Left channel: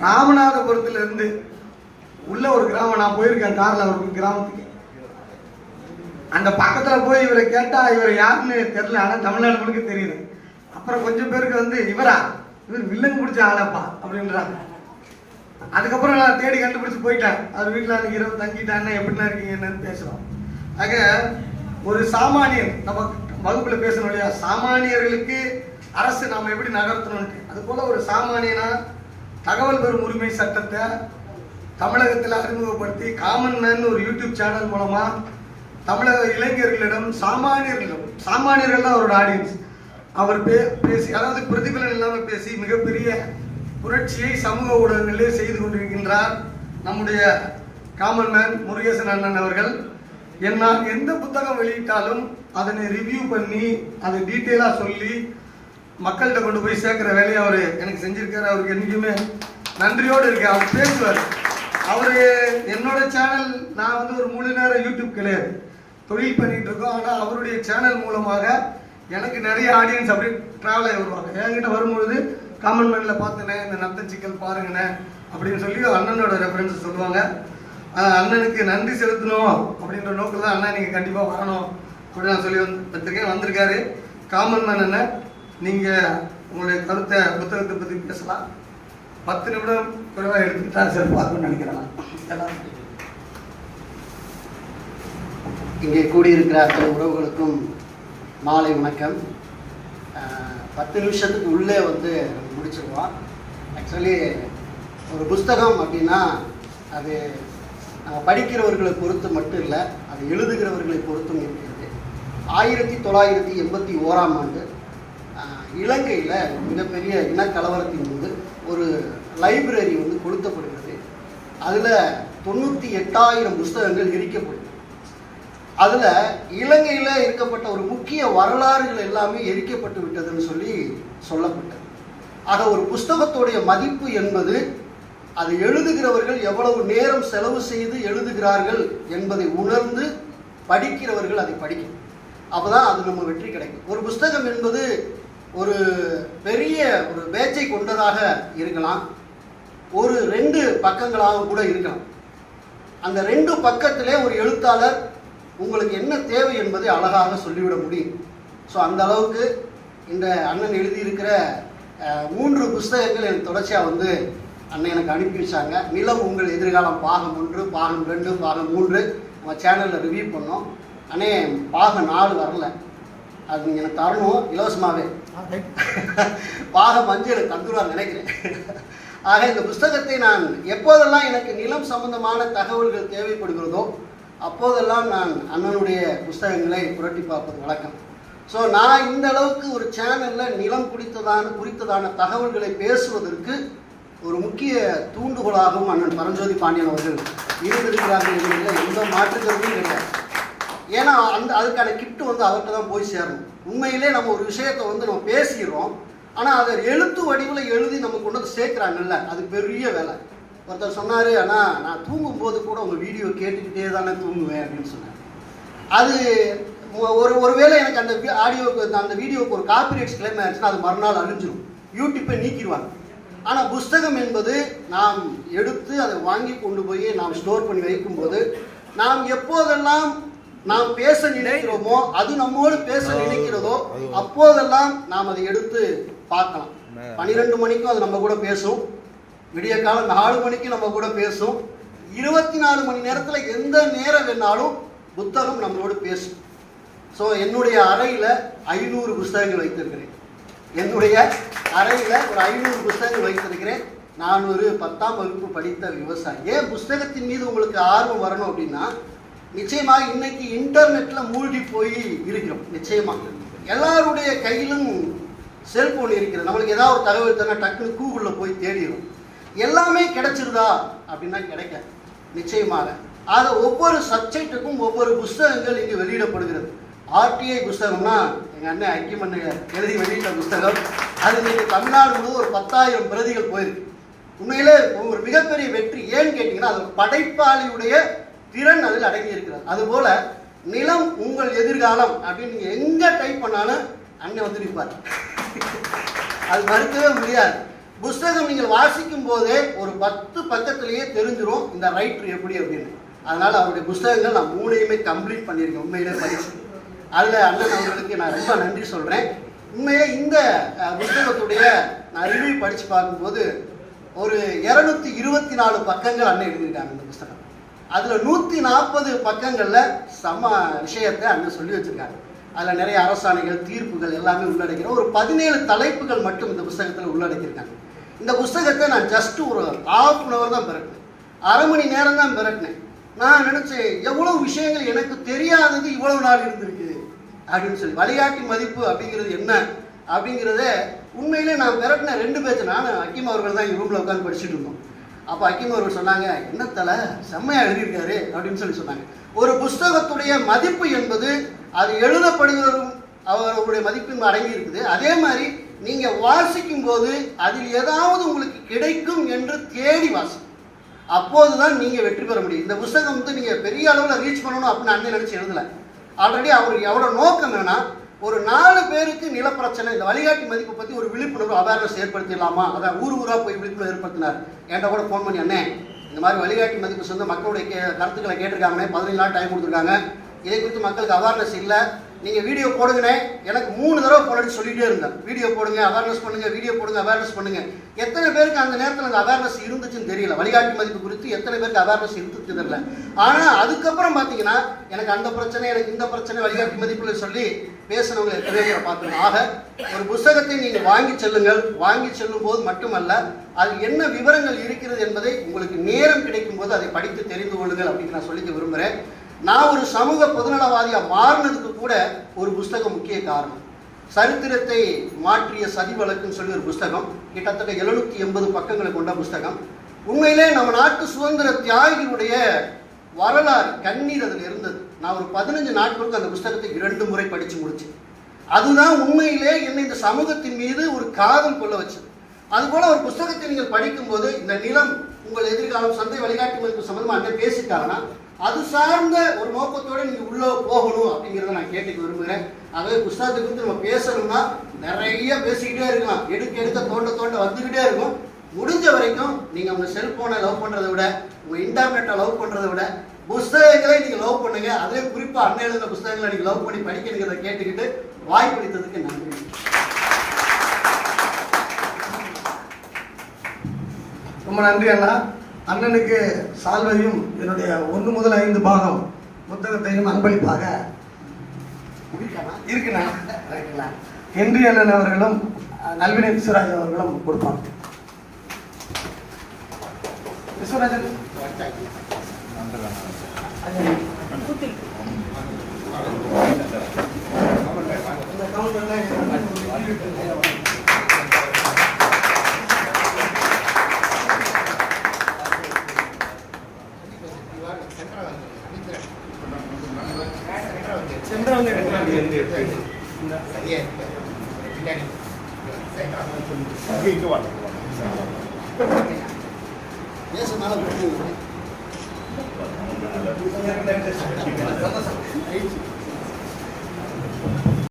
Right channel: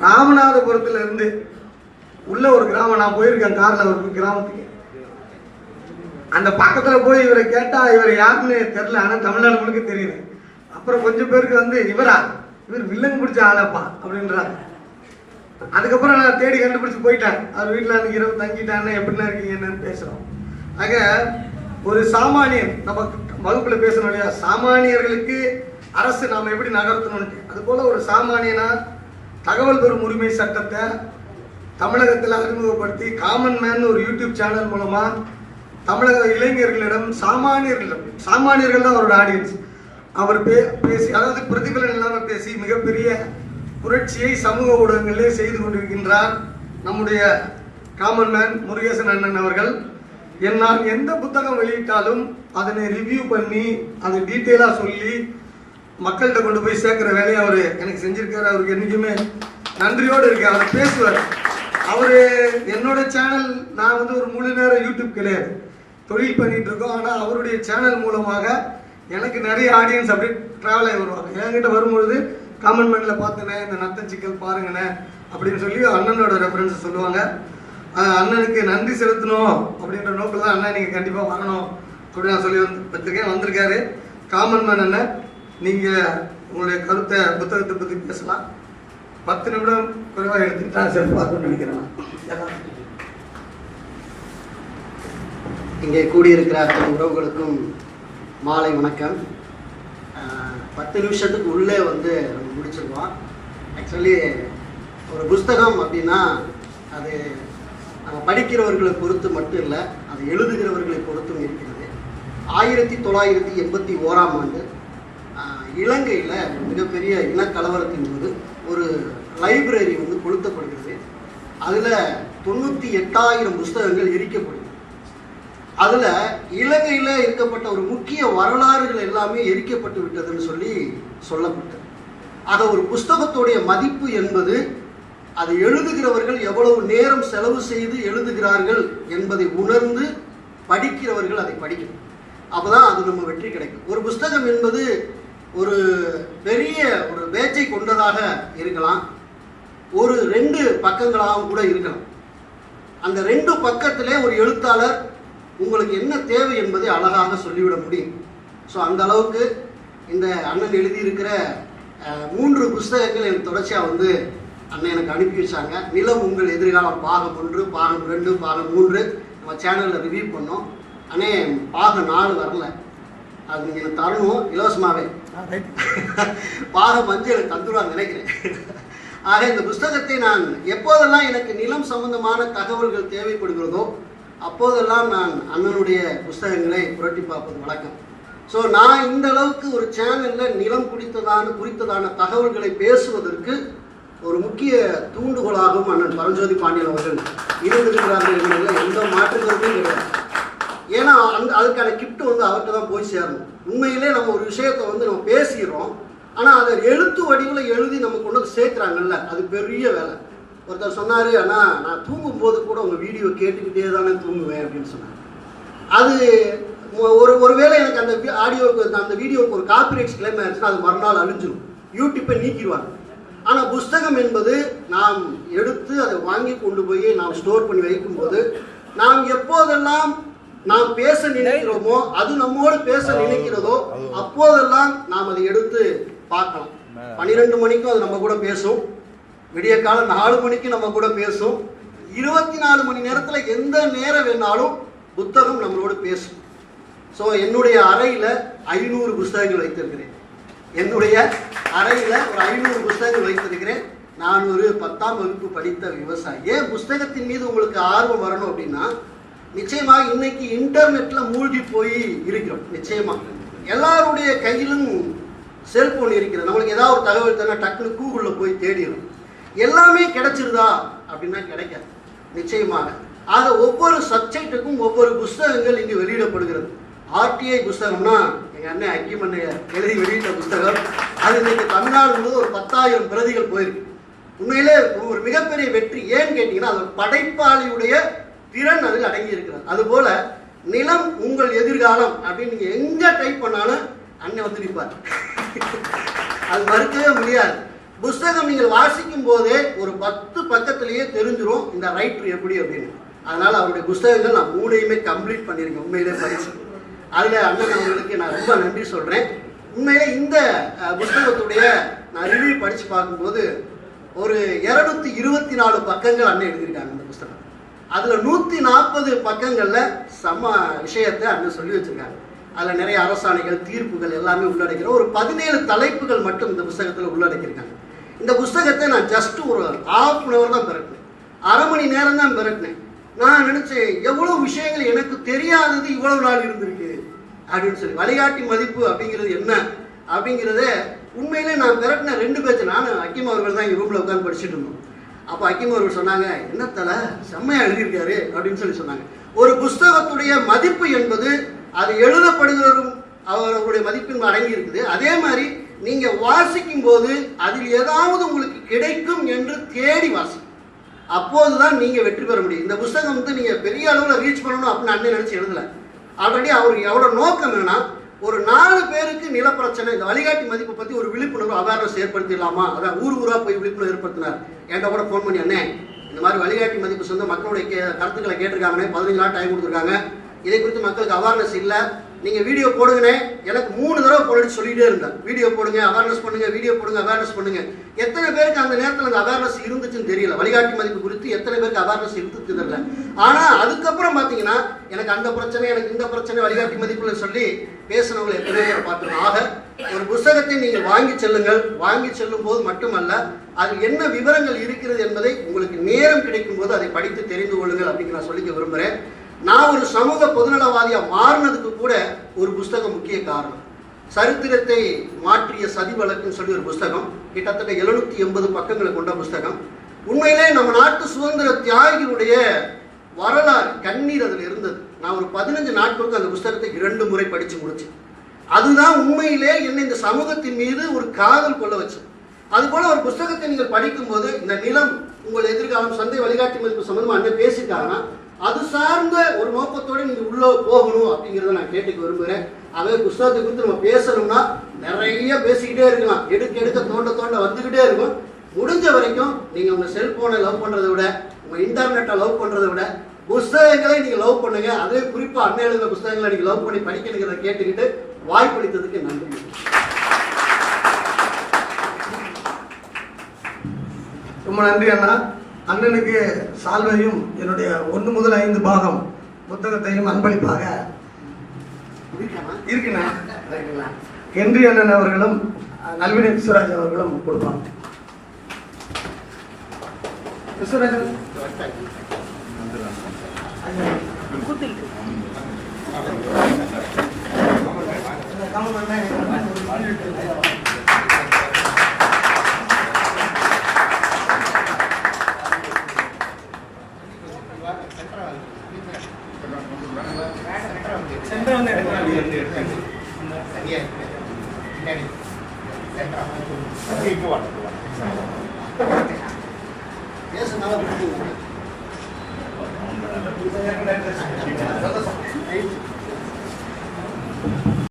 ராமநாதபுரத்துல இருந்து உள்ள ஒரு கிராமம். நான் போயிருக்கேன் கார்ல ஒரு கிராமத்துக்கு. அந்த பக்கத்துல போய் இவரை கேட்டா இவர் யாருன்னு தெரியல. ஆனா தமிழ்நாடு முழுக்க தெரியுது. அப்புறம் கொஞ்சம் பேருக்கு வந்து இவரா? இவர் வில்லன் பிடிச்ச ஆளப்பா? அப்படின்றாங்க. அதுக்கப்புறம் நான் தேடி கண்டுபிடிச்சு போயிட்டேன். அவர் வீட்டில் அன்னைக்கு இரவு தங்கிட்டாங்கன்னா எப்படின்னா இருக்கீங்க என்னன்னு பேசுறோம். ஆக ஒரு சாமானியன் நம்ம வகுப்புல பேசணும் இல்லையா? சாமானியர்களுக்கு அரசு நாம எப்படி நகர்த்தணும்ட்டு அது போல ஒரு சாமானியனா தகவல் பெறும் உரிமை சட்டத்தை தமிழகத்தில் அறிமுகப்படுத்தி காமன் மேன் ஒரு யூடியூப் சேனல் மூலமாக தமிழக இளைஞர்களிடம் சாமானியர்களிடம் சாமானியர்கள் தான் அவரோட ஆடியன்ஸ் அவர் பே பேசி அதாவது பிரதிபலன் இல்லாமல் பேசி மிகப்பெரிய புரட்சியை சமூக ஊடகங்களிலே செய்து கொண்டிருக்கின்றார் நம்முடைய காமன் மேன் முருகேசன் அண்ணன் அவர்கள். என்னால் எந்த புத்தகம் வெளியிட்டாலும் அதனை ரிவ்யூ பண்ணி அதை டீட்டெயிலாக சொல்லி மக்கள்கிட்ட கொண்டு போய் சேர்க்குற வேலையை அவர் எனக்கு செஞ்சிருக்காரு. அவருக்கு என்றைக்குமே நன்றியோடு இருக்கேன். அவர் பேசுவார். அவர் என்னோட சேனல் நான் வந்து ஒரு முழு நேரம் யூடியூப் கிடையாது. தொழில் பண்ணிட்டு இருக்கோம். ஆனால் அவருடைய சேனல் மூலமாக எனக்கு நிறைய ஆடியன்ஸ் அப்படி ட்ராவல் ஆகி வருவாங்க. என்கிட்ட வரும்பொழுது காமன் மேனில் பார்த்தேனே இந்த நத்த சிக்கல் பாருங்கண்ணே அப்படின்னு சொல்லி அண்ணனோட ரெஃபரன்ஸ் சொல்லுவாங்க. அண்ணனுக்கு நன்றி செலுத்தணும் அப்படின்ற நோக்கில் தான் அண்ணன் நீங்கள் கண்டிப்பாக வரணும் அப்படின்னு நான் சொல்லி வந்து வந்திருக்கேன் வந்திருக்காரு. காமன் மேன் அண்ணன் நீங்கள் உங்களுடைய கருத்தை புத்தகத்தை பற்றி பேசலாம். பத்து நிமிடம் குறைவாக எடுத்துக்கிட்டா சிறப்பாக நினைக்கிறேன். இங்கே கூடியிருக்கிற அத்தனை உறவுகளுக்கும் மாலை வணக்கம். பத்து நிமிஷத்துக்கு உள்ளே வந்து நம்ம முடிச்சிருவோம் ஆக்சுவலி ஒரு புஸ்தகம் அப்படின்னா அது படிக்கிறவர்களை பொறுத்து மட்டும் இல்லை அது எழுதுகிறவர்களை பொறுத்தும் இருக்கிறது. ஆயிரத்தி தொள்ளாயிரத்தி எண்பத்தி ஓராம் ஆண்டு இலங்கையில் மிகப்பெரிய இனக்கலவரத்தின் போது ஒரு லைப்ரரி வந்து கொளுத்தப்படுகிறது. அதில் தொண்ணூற்றி எட்டாயிரம் புஸ்தகங்கள் எரிக்கப்படுது அதில் இலங்கையில் இருக்கப்பட்ட ஒரு முக்கிய வரலாறுகள் எல்லாமே எரிக்கப்பட்டு விட்டதுன்னு சொல்லி சொல்லப்பட்டது. ஆக ஒரு புஸ்தகத்துடைய மதிப்பு என்பது அதை எழுதுகிறவர்கள் எவ்வளவு நேரம் செலவு செய்து எழுதுகிறார்கள் என்பதை உணர்ந்து படிக்கிறவர்கள் அதை படிக்கணும். அப்போதான் அது நம்ம வெற்றி கிடைக்கும். ஒரு புஸ்தகம் என்பது ஒரு பெரிய ஒரு பேச்சை கொண்டதாக இருக்கலாம். ஒரு ரெண்டு பக்கங்களாக கூட இருக்கலாம். அந்த ரெண்டு பக்கத்திலே ஒரு எழுத்தாளர் உங்களுக்கு என்ன தேவை என்பதை அழகாக சொல்லிவிட முடியும். ஸோ அந்த அளவுக்கு இந்த அண்ணன் எழுதியிருக்கிற மூன்று புஸ்தகங்கள் எனக்கு தொடர்ச்சியாக வந்து அண்ணன் எனக்கு அனுப்பி வச்சாங்க. நிலம் உங்கள் எதிர்காலம் பாகம் ஒன்று பாகம் ரெண்டு பாகம் மூன்று நம்ம சேனலில் ரிவ்யூ பண்ணோம். அண்ணே பாகம் நாலு வரல. அது நீங்கள் எனக்கு தரணும். இலவசமாகவே பாக மஞ்சள் எனக்கு நினைக்கிறேன். ஆக இந்த புஸ்தகத்தை நான் எப்போதெல்லாம் எனக்கு நிலம் சம்பந்தமான தகவல்கள் தேவைப்படுகிறதோ அப்போதெல்லாம் நான் அண்ணனுடைய புஸ்தகங்களை புரட்டி பார்ப்பது வழக்கம். ஸோ நான் இந்த அளவுக்கு ஒரு சேனலில் நிலம் குறித்ததான குறித்ததான தகவல்களை பேசுவதற்கு ஒரு முக்கிய தூண்டுகோலாகவும் அண்ணன் பரஞ்சோதி பாண்டியன் அவர்கள் இருந்திருக்கிறார்கள் என்பதில் எந்த மாற்றுக்கிறதும் கிடையாது. ஏன்னா அந்த அதுக்கான கிஃப்ட் வந்து அவர்கிட்ட தான் போய் சேரணும். உண்மையிலே நம்ம ஒரு விஷயத்தை வந்து நம்ம பேசிடுறோம் ஆனால் அதை எழுத்து வடிவில் எழுதி நம்ம கொண்டு வந்து சேர்க்குறாங்கல்ல அது பெரிய வேலை. ஒருத்தர் சொன்னார் ஆனால் நான் தூங்கும்போது கூட உங்கள் வீடியோ கேட்டுக்கிட்டே தானே தூங்குவேன் அப்படின்னு சொன்னார். அது ஒரு ஒருவேளை எனக்கு அந்த ஆடியோக்கு அந்த வீடியோக்கு ஒரு காப்பிரைட்ஸ் கிளைம் ஆயிடுச்சுன்னா அது மறுநாள் அழிஞ்சிடும் யூடியூப்பை நீக்கிடுவாங்க. ஆனால் புஸ்தகம் என்பது நாம் எடுத்து அதை வாங்கி கொண்டு போய் நாம் ஸ்டோர் பண்ணி வைக்கும்போது நாம் எப்போதெல்லாம் நாம் பேச நினைக்கிறோமோ அது நம்மோடு பேச நினைக்கிறதோ அப்போதெல்லாம் நாம் அதை எடுத்து பார்க்கலாம். பன்னிரெண்டு மணிக்கும் அது நம்ம கூட பேசும். விடிய காலம் நாலு மணிக்கு நம்ம கூட பேசும். இருபத்தி நாலு மணி நேரத்தில் எந்த நேரம் வேணாலும் புத்தகம் நம்மளோடு பேசும். ஸோ என்னுடைய அறையில் ஐநூறு புஸ்தகங்கள் வைத்திருக்கிறேன். என்னுடைய அறையில் ஒரு ஐநூறு புஸ்தகங்கள் வைத்திருக்கிறேன். நான் ஒரு பத்தாம் வகுப்பு படித்த விவசாயி. ஏன் புஸ்தகத்தின் மீது உங்களுக்கு ஆர்வம் வரணும் அப்படின்னா நிச்சயமாக இன்னைக்கு இன்டர்நெட்ல மூழ்கி போய் இருக்கிறோம். நிச்சயமாக எல்லாருடைய கையிலும் செல்போன் இருக்கிறது. நம்மளுக்கு ஏதாவது ஒரு தகவல் தானே டக்குனு கூகுளில் போய் தேடிடும் எல்லாமே கிடைச்சிருதா? அப்படின்னா கிடைக்காது. நிச்சயமாக. ஆக ஒவ்வொரு சப்ஜெக்ட்டுக்கும் ஒவ்வொரு புஸ்தகங்கள் இங்கு வெளியிடப்படுகிறது. ஆர்டிஐ புஸ்தகம்னா எங்கள் அண்ணன் ஐக்கியமண்ண எழுதி வெளியிட்ட புஸ்தகம். அது இன்னைக்கு தமிழ்நாடு முழுவதும் ஒரு பத்தாயிரம் பிரதிகள் போயிருக்கு. உண்மையிலே ஒரு மிகப்பெரிய வெற்றி. ஏன்னு கேட்டிங்கன்னா அது படைப்பாளியுடைய திறன் அதில் அடங்கி இருக்கிறது. அதுபோல நிலம் உங்கள் எதிர்காலம் அப்படின்னு நீங்க எங்க டைப் பண்ணாலும் அண்ணன் வந்து நிற்பார். அது மறுக்கவே முடியாது. புஸ்தகம் நீங்கள் வாசிக்கும் போதே ஒரு பத்து பக்கத்திலேயே தெரிஞ்சிரும் இந்த ரைட்டர் எப்படி அப்படின்னு. அதனால அவருடைய புஸ்தகங்கள் நான் மூணையுமே கம்ப்ளீட் பண்ணியிருக்கேன். உண்மையிலே படிச்சு அதில் அண்ணன் அவர்களுக்கு நான் ரொம்ப நன்றி சொல்கிறேன் உண்மையிலே இந்த புஸ்தகத்துடைய நான் ரிவ்யூ படித்து பார்க்கும்போது ஒரு இரநூத்தி இருபத்தி நாலு பக்கங்கள் அண்ணன் எழுதியிருக்காங்க இந்த புஸ்தகம் அதில் நூற்றி நாற்பது பக்கங்களில் சம விஷயத்தை அண்ணன் சொல்லி வச்சிருக்காங்க அதில் நிறைய அரசாணைகள் தீர்ப்புகள் எல்லாமே உள்ளடக்கிற ஒரு பதினேழு தலைப்புகள் மட்டும் இந்த புஸ்தகத்தில் உள்ளடக்கியிருக்காங்க. இந்த புஸ்தகத்தை நான் ஜஸ்ட் ஒரு ஹாஃப் அன் ஹவர் தான் பிறட்டினேன் அரை மணி நேரம் தான் பிறட்டினேன் நான் நினைச்சேன் எவ்வளவு விஷயங்கள் எனக்கு தெரியாதது இவ்வளவு நாள் இருந்திருக்கு. அப்படின்னு சொல்லி வழிகாட்டி மதிப்பு அப்படிங்கிறது என்ன? அப்படிங்கிறத உண்மையிலே நான் பிறட்டின ரெண்டு பேச்சு நானும் அக்கிம் அவர்கள் தான் எங்கள் ரூமில் உட்காந்து படிச்சுட்டு இருந்தோம். அப்போ அக்கிம் அவர்கள் சொன்னாங்க என்ன தலை? செம்மையா எழுதியிருக்காரு அப்படின்னு சொல்லி சொன்னாங்க. ஒரு புஸ்தகத்துடைய மதிப்பு என்பது அது எழுதப்படுகிறவரும் அவருடைய மதிப்பின் அடங்கி இருக்குது. அதே மாதிரி நீங்கள் வாசிக்கும் போது அதில் ஏதாவது உங்களுக்கு கிடைக்கும் என்று தேடி வாசிக்கும் அப்போதுதான் நீங்கள் வெற்றி பெற முடியும். இந்த புஸ்தகம் வந்து நீங்கள் பெரிய அளவில் ரீச் பண்ணணும் அப்படின்னு அண்ணன் நினச்சி எழுதல. ஆல்ரெடி அவர் எவ்வளோ நோக்கம் வேணால் ஒரு நாலு பேருக்கு நிலப்பிரச்சனை இந்த வழிகாட்டி மதிப்பை பத்தி ஒரு விழிப்புணர்வு அவேர்னஸ் ஏற்படுத்திடலாமா? அதான் ஊர் ஊரா போய் விழிப்புணர்வு ஏற்படுத்தினார். என்கிட்ட கூட ஃபோன் பண்ணி அண்ணே இந்த மாதிரி வழிகாட்டி மதிப்பு சொந்த மக்களுடைய கே- கருத்துக்களை கேட்டிருக்காங்கண்ணே. பதினஞ்சு நாள் டைம் கொடுத்துருக்காங்க. இதை குறித்து மக்களுக்கு அவேர்னஸ் இல்லை. நீங்கள் வீடியோ போடுங்கண்ணே. எனக்கு மூணு தடவை போட்டு சொல்லிட்டே இருந்தேன் வீடியோ போடுங்க அவேர்னஸ் பண்ணுங்க வீடியோ போடுங்க அவேர்னஸ் பண்ணுங்க. எத்தனை பேருக்கு அந்த நேரத்தில் அந்த அவேர்னஸ் இருந்துச்சுன்னு தெரியல. வழிகாட்டி மதிப்பு குறித்து எத்தனை பேருக்கு அவேர்னஸ் இருந்துச்சு தெரியல. ஆனால் அதுக்கப்புறம் பார்த்தீங்கன்னா எனக்கு அந்த பிரச்சனை எனக்கு இந்த பிரச்சனை வழிகாட்டி மதிப்புல சொல்லி பேசுனவங்களை எத்தனை பேரை பார்த்துருக்கோம் ஆக ஒரு புஸ்தகத்தை நீங்கள் வாங்கி செல்லுங்கள். வாங்கி செல்லும் போது மட்டுமல்ல அதில் என்ன விவரங்கள் இருக்கிறது என்பதை உங்களுக்கு நேரம் கிடைக்கும் போது அதை படித்து தெரிந்து கொள்ளுங்கள் அப்படின்னு நான் சொல்லிக்க விரும்புகிறேன் நான் ஒரு சமூக பொதுநலவாதியாக மாறினதுக்கு கூட ஒரு புஸ்தகம் முக்கிய காரணம். சரித்திரத்தை மாற்றிய சதி வழக்குன்னு சொல்லி ஒரு புஸ்தகம் கிட்டத்தட்ட எழுநூத்தி எண்பது பக்கங்களை கொண்ட புஸ்தகம். உண்மையிலே நம்ம நாட்டு சுதந்திர தியாகிகளுடைய வரலாறு கண்ணீர் அதில் இருந்தது. நான் ஒரு பதினஞ்சு நாட்களுக்கு அந்த புஸ்தகத்தை இரண்டு முறை படித்து முடிச்சேன். அதுதான் உண்மையிலே என்னை இந்த சமூகத்தின் மீது ஒரு காதல் கொள்ள வச்சு. அது போல ஒரு புஸ்தகத்தை நீங்கள் படிக்கும்போது இந்த நிலம் உங்கள் எதிர்காலம் சந்தை வழிகாட்டி மதிப்பு சம்பந்தமா பேசிட்டாங்கன்னா அது சார்ந்த ஒரு நோக்கத்தோட நீங்க உள்ள போகணும் அப்படிங்கறத நான் கேட்டுக்க விரும்புகிறேன் அதே புஸ்தகத்தை குறித்து நம்ம பேசணும்னா நிறைய பேசிக்கிட்டே இருக்கலாம். எடுக்க எடுக்க தோண்ட தோண்ட வந்துகிட்டே இருக்கும். முடிஞ்ச வரைக்கும் நீங்க உங்க செல்போனை லவ் பண்றதை விட உங்க இன்டர்நெட்டை லவ் பண்றதை விட புஸ்தகங்களை நீங்க லவ் பண்ணுங்க. அதே குறிப்பா அண்ணன் எழுதுற புஸ்தகங்களை நீங்க லவ் பண்ணி படிக்கிறத கேட்டுக்கிட்டு வாய்ப்பளித்ததுக்கு நன்றி. ரொம்ப நன்றி அண்ணா. அண்ணனுக்கு சால்வையும் என்னுடைய ஒன்று முதல் ஐந்து பாகம் புத்தகத்தையும் அன்பளிப்பாக இருக்குண்ணா. ஹென்றி அண்ணன் அவர்களும் நல்வினை விஸ்வராஜ் அவர்களும் கொடுப்பாங்க. விஸ்வராஜன். பேசுனால விட்டுருங்க.